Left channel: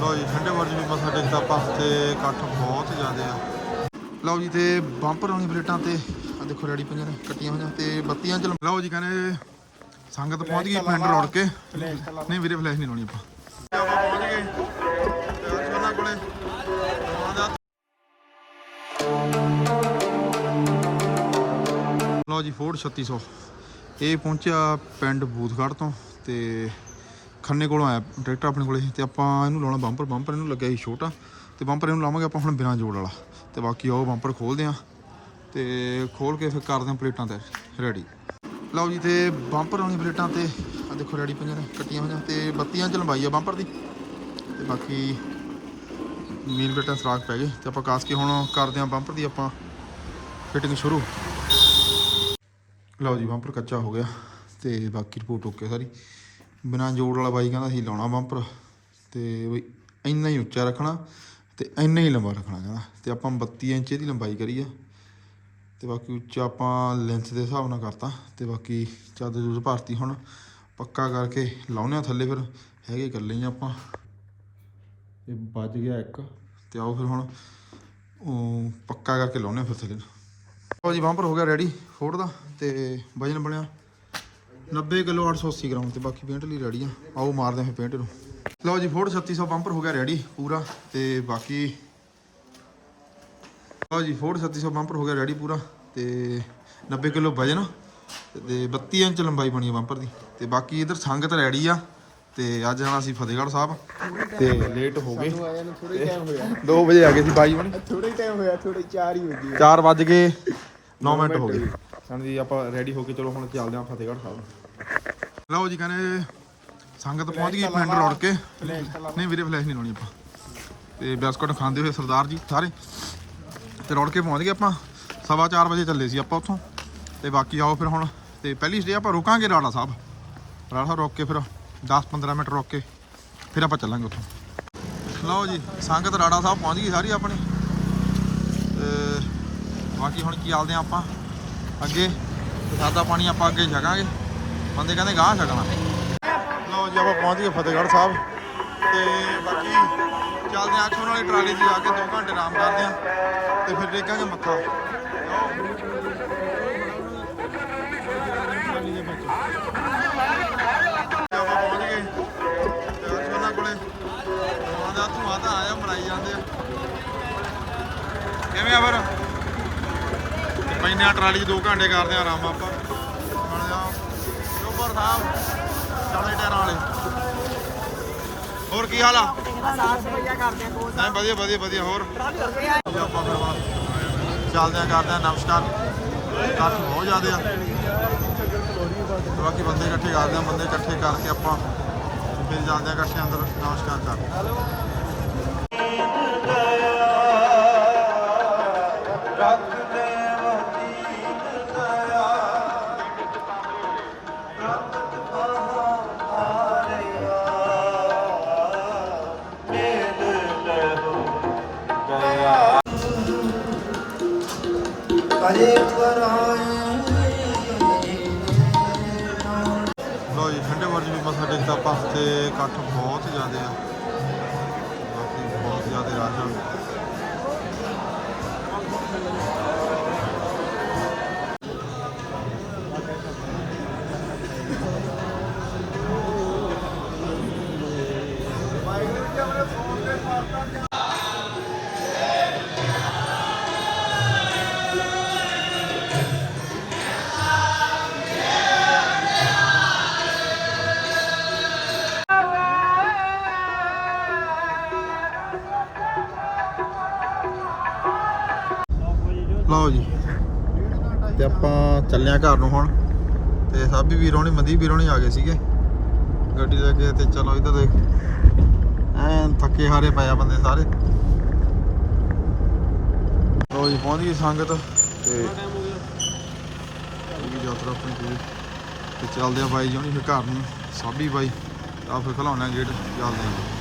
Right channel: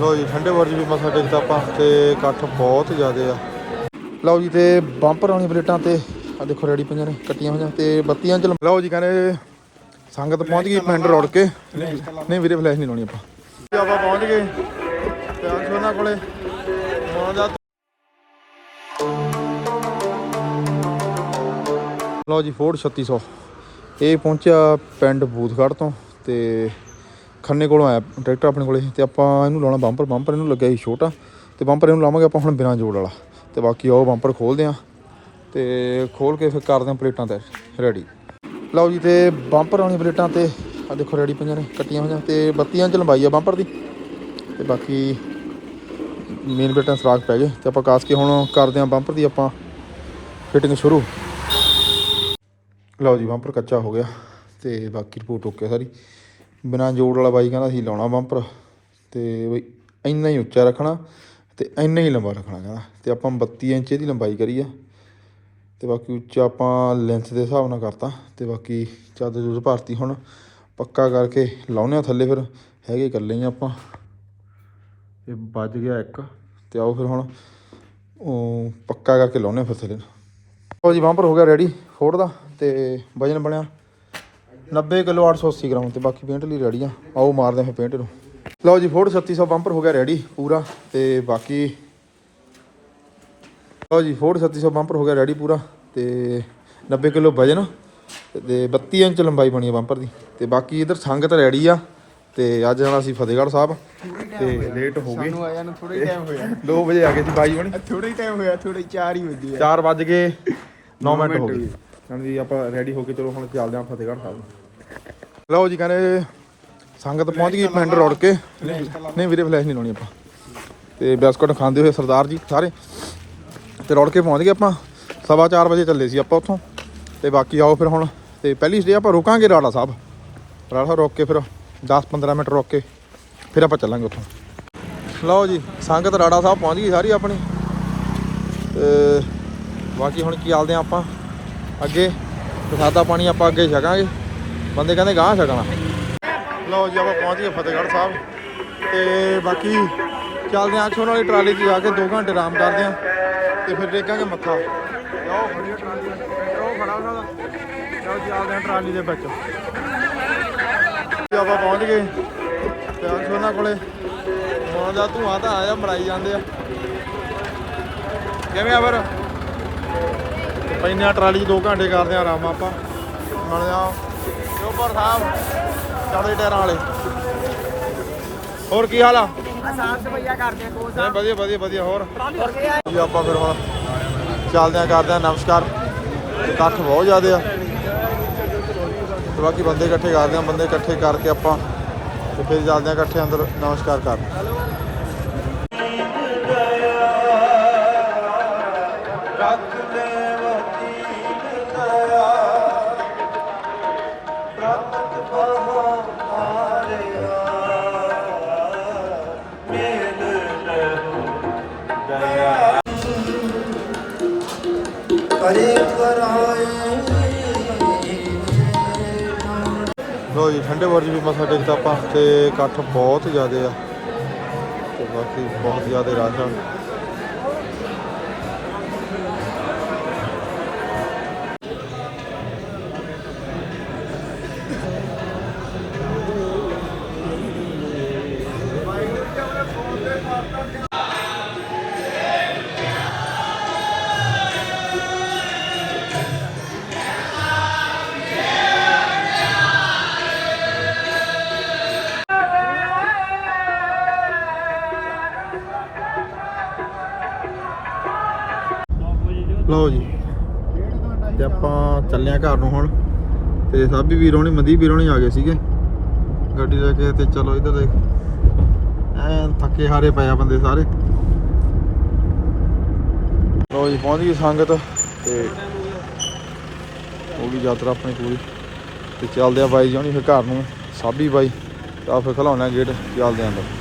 ਲੋ ਜੀ ਠੰਡੇ ਵਰਦੀ ਵੀ ਮਸਾ ਟੇਕਦਾ ਆਪਾਂ ਤੇ ਇਕੱਠ ਬਹੁਤ ਜ਼ਿਆਦੇ ਆ। ਲਓ ਜੀ ਤੇ ਬੰਪਰ ਆਉਣੀ ਪਲੇਟਾਂ ਤੇ। ਆ ਦੇਖੋ ਰੈਡੀ ਪਈਆਂ ਨੇ ਕੱਟੀਆਂ ਹੋਈਆਂ ਤੇ ਬੱਤੀਆਂ ਚ ਲਓ ਜੀ ਕਹਿੰਦੇ ਸੰਗਤ ਪਹੁੰਚ ਗਈ ਪਿੰਡ ਰੋੜ ਕੇ। ਨਹੀਂ ਵੀਰੇ ਫਲੈਸ਼ ਨਹੀਂ ਲਾਉਣੀ ਆਪਾਂ। ਜੀ ਆਪਾਂ ਪਹੁੰਚ ਗਏ। ਤੇ ਉਹਨਾਂ ਕੋਲੇ। ਲਓ ਜੀ ਫੋਰਡ 3600 ਇਹ ਪਹੁੰਚਿਆ ਪਿੰਡ ਬੂਥਗੜ੍ਹ ਤੋਂ ਤੇ ਖੰਨੇ ਕੋਲੋਂ ਆਇਆ, ਟਰੈਕਟਰ ਆਪਣੇ ਕੋਲੇ ਤੇ ਆਪਾਂ ਇਹਨੂੰ ਲਾਉਣਾ ਬੰਪਰ ਬੰਪਰ ਇਹਨੂੰ ਲੱਗਿਆ ਸੀ ਛੋਟਾ ਤੇ ਬੰਪਰ ਇਹਨੂੰ ਲਾਵਾਂਗੇ ਆਪਾਂ ਹੁਣ ਬਿਨਾਂ ਜੋੜ ਵਾਲਾ ਤੇ ਬਾਕੀ ਉਹ ਬੰਪਰ ਖੋਲਦੇ ਆ ਤੇ ਖੋਲ ਕੇ ਫਿਰ ਕਰਦੇ ਆ ਪਲੇਟਾਂ ਤੇ ਰੈਡੀ ਲਓ ਜੀ ਤੇ ਬੰਪਰ ਆਉਣੀ ਪਲੇਟਾਂ ਤੇ ਆ ਦੇਖੋ ਰੈਡੀ ਪਈਆਂ ਨੇ, ਕੱਟੀਆਂ ਹੋਈਆਂ ਤੇ ਬੱਤੀਆਂ ਚ ਲੰਬਾਈ ਆ ਬੰਪਰ ਦੀ ਤੇ ਬਾਕੀ ਮੇਨ ਪਲੇਟਾਂ ਸਰਾਖ ਪੈ ਗਏ ਤੇ ਆਪਾਂ ਕਾਸ ਕੇ ਹੁਣ ਕਰਦੇ ਆ ਬੰਪਰ ਦੀ ਆਪਾਂ ਫਿਟਿੰਗ ਸ਼ੁਰੂ। ਲਓ ਜੀ, ਬੰਪਰ ਕੱਚਾ ਹੋ ਗਿਆ ਤੇ ਬਾਕੀ ਰਿਪੋਰਟ ਓਕੇ ਸਾਰੀ। ਬਿਨਾਂ ਜੋੜ ਵਾਲਾ ਬਾਈ ਕਹਿੰਦਾ ਅਸੀਂ ਲਾਉਣਾ ਬੰਪਰ ਤੇ ਬਈ ਇੰਨਾ ਹੀ ਉੱਚਾ ਰੱਖਣਾ ਤੇ ਇੰਨਾ ਹੀ ਲੰਬਾ ਰੱਖਣਾ ਕਹਿੰਦਾ ਤੇ ਆਪਾਂ 32 ਇੰਚ ਦੀ ਲੰਬਾਈ ਕਰੀ ਆ ਤੇ ਬਾਕੀ ਉੱਚਾ ਆਪਾਂ ਲੈਂਥ ਦੇ ਹਿਸਾਬ ਨਾਲ ਕਰਤਾ ਤੇ ਬਾਕੀ ਚਾਦਰ ਜੂਰ ਭਰਤੀ ਹੁਣ ਪੱਕਾ ਕਰਕੇ ਲਾਉਨੇ ਆ ਥੱਲੇ ਫਿਰ, ਹੈਗੇ ਇਕੱਲੇ ਹੀ ਆਪਾਂ। ਇਹ ਵੱਜ ਗਿਆ ਇੱਕ ਤੇ ਆਓ ਫਿਰ ਹੁਣ ਉਹ ਪੱਕਾ ਕਰਕੇ ਲਾਉਨੇ ਆ ਫਿਰ ਥੱਲੇ ਲਓ ਜੀ, ਬੰਪਰ ਹੋ ਗਿਆ ਰੈਡੀ ਫੋੜ ਦਾ ਤੇ ਵਜਨ ਬਣਿਆ 90 ਕਿਲੋ 880 ਗ੍ਰਾਮ ਤੇ ਬਾਕੀ ਪੇਂਟ ਲਈ ਰੈਡੀ ਆ। ਆਓ ਮਾਰਦੇ ਹਾਂ ਪੇਂਟ ਨੂੰ। ਲਓ ਜੀ ਫੋੜ 3600 ਬੰਪਰ ਹੋ ਗਿਆ ਰੈਡੀ ਪੂਰਾ ਤੇ ਬਾਕੀ ਲਓ ਜੀ ਫੋੜ 3600 ਬੰਪਰ ਹੋ ਗਿਆ ਰੈਡੀ ਪੂਰਾ ਤੇ 90 ਕਿਲੋ ਵਜਨ ਤੇ 32 ਇੰਚ ਲੰਬਾਈ ਬਣੀ ਆ ਬੰਪਰ ਦੀ ਤੇ ਬਾਕੀ ਇਧਰ ਸੰਗਤ ਰੈਡੀ ਆ ਤੇ ਅੱਜ ਜਾਣਾ ਸੀ ਫਤਿਹਗੜ੍ਹ ਸਾਹਿਬ ਤੇ ਲੇਟ ਹੋ ਗਏ। 2 ਵਜੇ ਆ ਗਏ ਸੀ ਬਾਈ ਬਣ ਥੋੜਾ ਟਾਈਮ ਹੋਇਆ ਥੋੜੇ 4 ਹੀ ਵਜੇ 4 ਵੱਜ ਕੇ 9 ਮਿੰਟ ਹੋ ਗਏ। ਹਾਂਜੀ ਆਪਾਂ ਰੈਡੀ ਹੋ ਕੇ ਚਲੋ ਹੁਣ ਚੱਲਦੇ ਹਾਂ ਫਤਿਹਗੜ੍ਹ ਸਾਹਿਬ ਲਓ ਜੀ ਕਹਿੰਦੇ ਸੰਗਤ ਪਹੁੰਚ ਗਈ ਪਿੰਡ ਰੋੜ ਕੇ। ਨਹੀਂ ਵੀਰੇ ਫਲੈਸ਼ ਨਹੀਂ ਲਾਉਣੀ ਆਪਾਂ। ਤੇ ਬਿਸਕੁਟ ਖਾਂਦੇ ਹੋਏ ਸਰਦਾਰ ਜੀ ਸਾਰੇ। ਤੇ ਰੋੜ ਕੇ ਪਹੁੰਚ ਗਏ ਆਪਾਂ। ਸਵਾ 4 ਵਜੇ ਚੱਲੇ ਸੀ ਆਪਾਂ ਉੱਥੋਂ। ਤੇ ਬਾਕੀ ਆਓ ਫਿਰ ਹੁਣ। ਤੇ ਪਹਿਲੀ ਸਟੇ ਆਪਾਂ ਰੁਕਾਂਗੇ ਰਾੜਾ ਸਾਹਿਬ। ਰਾੜਾ ਸਾਹਿਬ ਰੁਕ ਕੇ ਫਿਰ 10-15 ਮਿੰਟ ਰੁਕ ਕੇ ਫਿਰ ਆਪਾਂ ਚੱਲਾਂਗੇ ਉੱਥੋਂ। ਲਓ ਜੀ, ਸੰਗਤ ਰਾੜਾ ਸਾਹਿਬ ਪਹੁੰਚ ਗਈ ਸਾਰੀ ਆਪਣੀ। ਤੇ ਬਾਕੀ ਹੁਣ ਕੀ ਆਲਦੇ ਆ ਆਪਾਂ। ਅੱਗੇ ਪ੍ਰਸਾਦਾ ਪਾਣੀ ਆਪਾਂ ਅੱਗੇ ਛਕਾਂਗੇ। ਬੰਦੇ ਕਹਿੰਦੇ ਗਾਂ ਛਕਣਾ। ਲਓ ਜੀ ਆਪਾਂ ਪਹੁੰਚ ਗਏ ਫਤਿਹਗੜ੍ਹ ਸਾਹਿਬ। ਤੇ ਬਾਕੀ ਚੱਲਦੇ ਆ ਅੱਖੋਂ ਵਾਲੀ ਟਰਾਲੀ 'ਚ ਜਾ ਕੇ 2 ਘੰਟੇ ਆਰਾਮ ਕਰਦੇ ਆ ਤੇ ਫਿਰ ਟੇਕਾਂਗੇ ਮੱਥਾ। ਟਰਾਲੀ ਉਹ ਲਓ ਜੀ ਆਲਦੇ ਟਰਾਲੀ ਦੇ ਵਿੱਚ। ਆਪਾਂ ਪਹੁੰਚ ਗਏ। ਤੇ ਅੱਖੋਂ ਉਹਨਾਂ ਕੋਲੇ ਧੂਆਂ ਦਾ ਧੂਆਂ ਤਾਂ ਆਇਆ, ਮਰਾਈ ਜਾਂਦੇ ਆ। ਕਿਵੇਂ ਆ ਫਿਰ? ਪੈਨੇ ਆ ਟਰਾਲੀ 'ਚ 2 ਘੰਟੇ ਕਰਦੇ ਆ ਆਰਾਮ ਆਪਾਂ। ਬਣਦੇ ਆ ਚੋਪਰ ਸਾਹਿਬ ਚਾਲੇ ਟਾਇਰਾਂ ਵਾਲੇ। ਹੋਰ ਕੀ ਹਾਲ ਆ? ਸਾਫ਼ ਸਫਾਈਆ ਕਰਦੇ ਆ ਕੋਲ ਨਹੀਂ ਵਧੀਆ ਵਧੀਆ ਵਧੀਆ ਹੋਰ? ਹੋਰ ਕੀ ਆ ਜੀ ਆਪਾਂ ਫਿਰ ਹੁਣ ਚੱਲਦੇ ਆ ਕਰਦੇ ਆ ਨਮਸਕਾਰ। ਇਕੱਠ ਬਹੁਤ ਜ਼ਿਆਦੇ ਆ। ਤੇ ਬਾਕੀ ਬੰਦੇ ਇਕੱਠੇ ਕਰਦੇ ਆ ਬੰਦੇ ਇਕੱਠੇ ਕਰਕੇ ਆਪਾਂ ਤੇ ਫਿਰ ਚੱਲਦੇ ਆ ਇਕੱਠੇ ਅੰਦਰ ਨਮਸਕਾਰ ਕਰਨ ਲੋ ਜੀ, ਠੰਡੇ ਵਰਦੀ ਵੀ ਮਸਾ ਟੇਕਦਾ ਆਪਾਂ ਤੇ ਇਕੱਠ ਬਹੁਤ ਜ਼ਿਆਦਾ ਆ ਤੇ ਬਾਕੀ ਬਹੁਤ ਜ਼ਿਆਦਾ ਰਸ਼ ਲਓ ਜੀ। ਤੇ ਆਪਾਂ ਚੱਲੇ ਆ ਘਰ ਨੂੰ ਹੁਣ। ਤੇ ਸਾਬੀ ਵੀਰ ਹੋਣੀ, ਮਨਦੀਪ ਵੀਰ ਹੋਣੀ ਆ ਗਏ ਸੀਗੇ। ਗੱਡੀ ਲੈ ਕੇ ਤੇ ਚਲੋ ਇੱਧਰ ਦੇਖ। ਐਨ ਥੱਕੇ ਹਾਰੇ ਪਏ ਆ ਬੰਦੇ ਸਾਰੇ। ਲਓ ਜੀ, ਪਹੁੰਚ ਗਈ ਸੰਗਤ। ਤੇ ਹੋ ਗਈ ਯਾਤਰਾ ਆਪਣੀ ਪੂਰੀ। ਤੇ ਚੱਲਦੇ ਆ ਬਾਈ ਜੀ ਫਿਰ ਘਰ ਨੂੰ। ਸਾਬੀ ਬਾਈ ਤਾਂ ਫਿਰ ਖਲਾਉਣਾ ਗੇਟ, ਚੱਲਦੇ ਆਂ ਅੰਦਰ।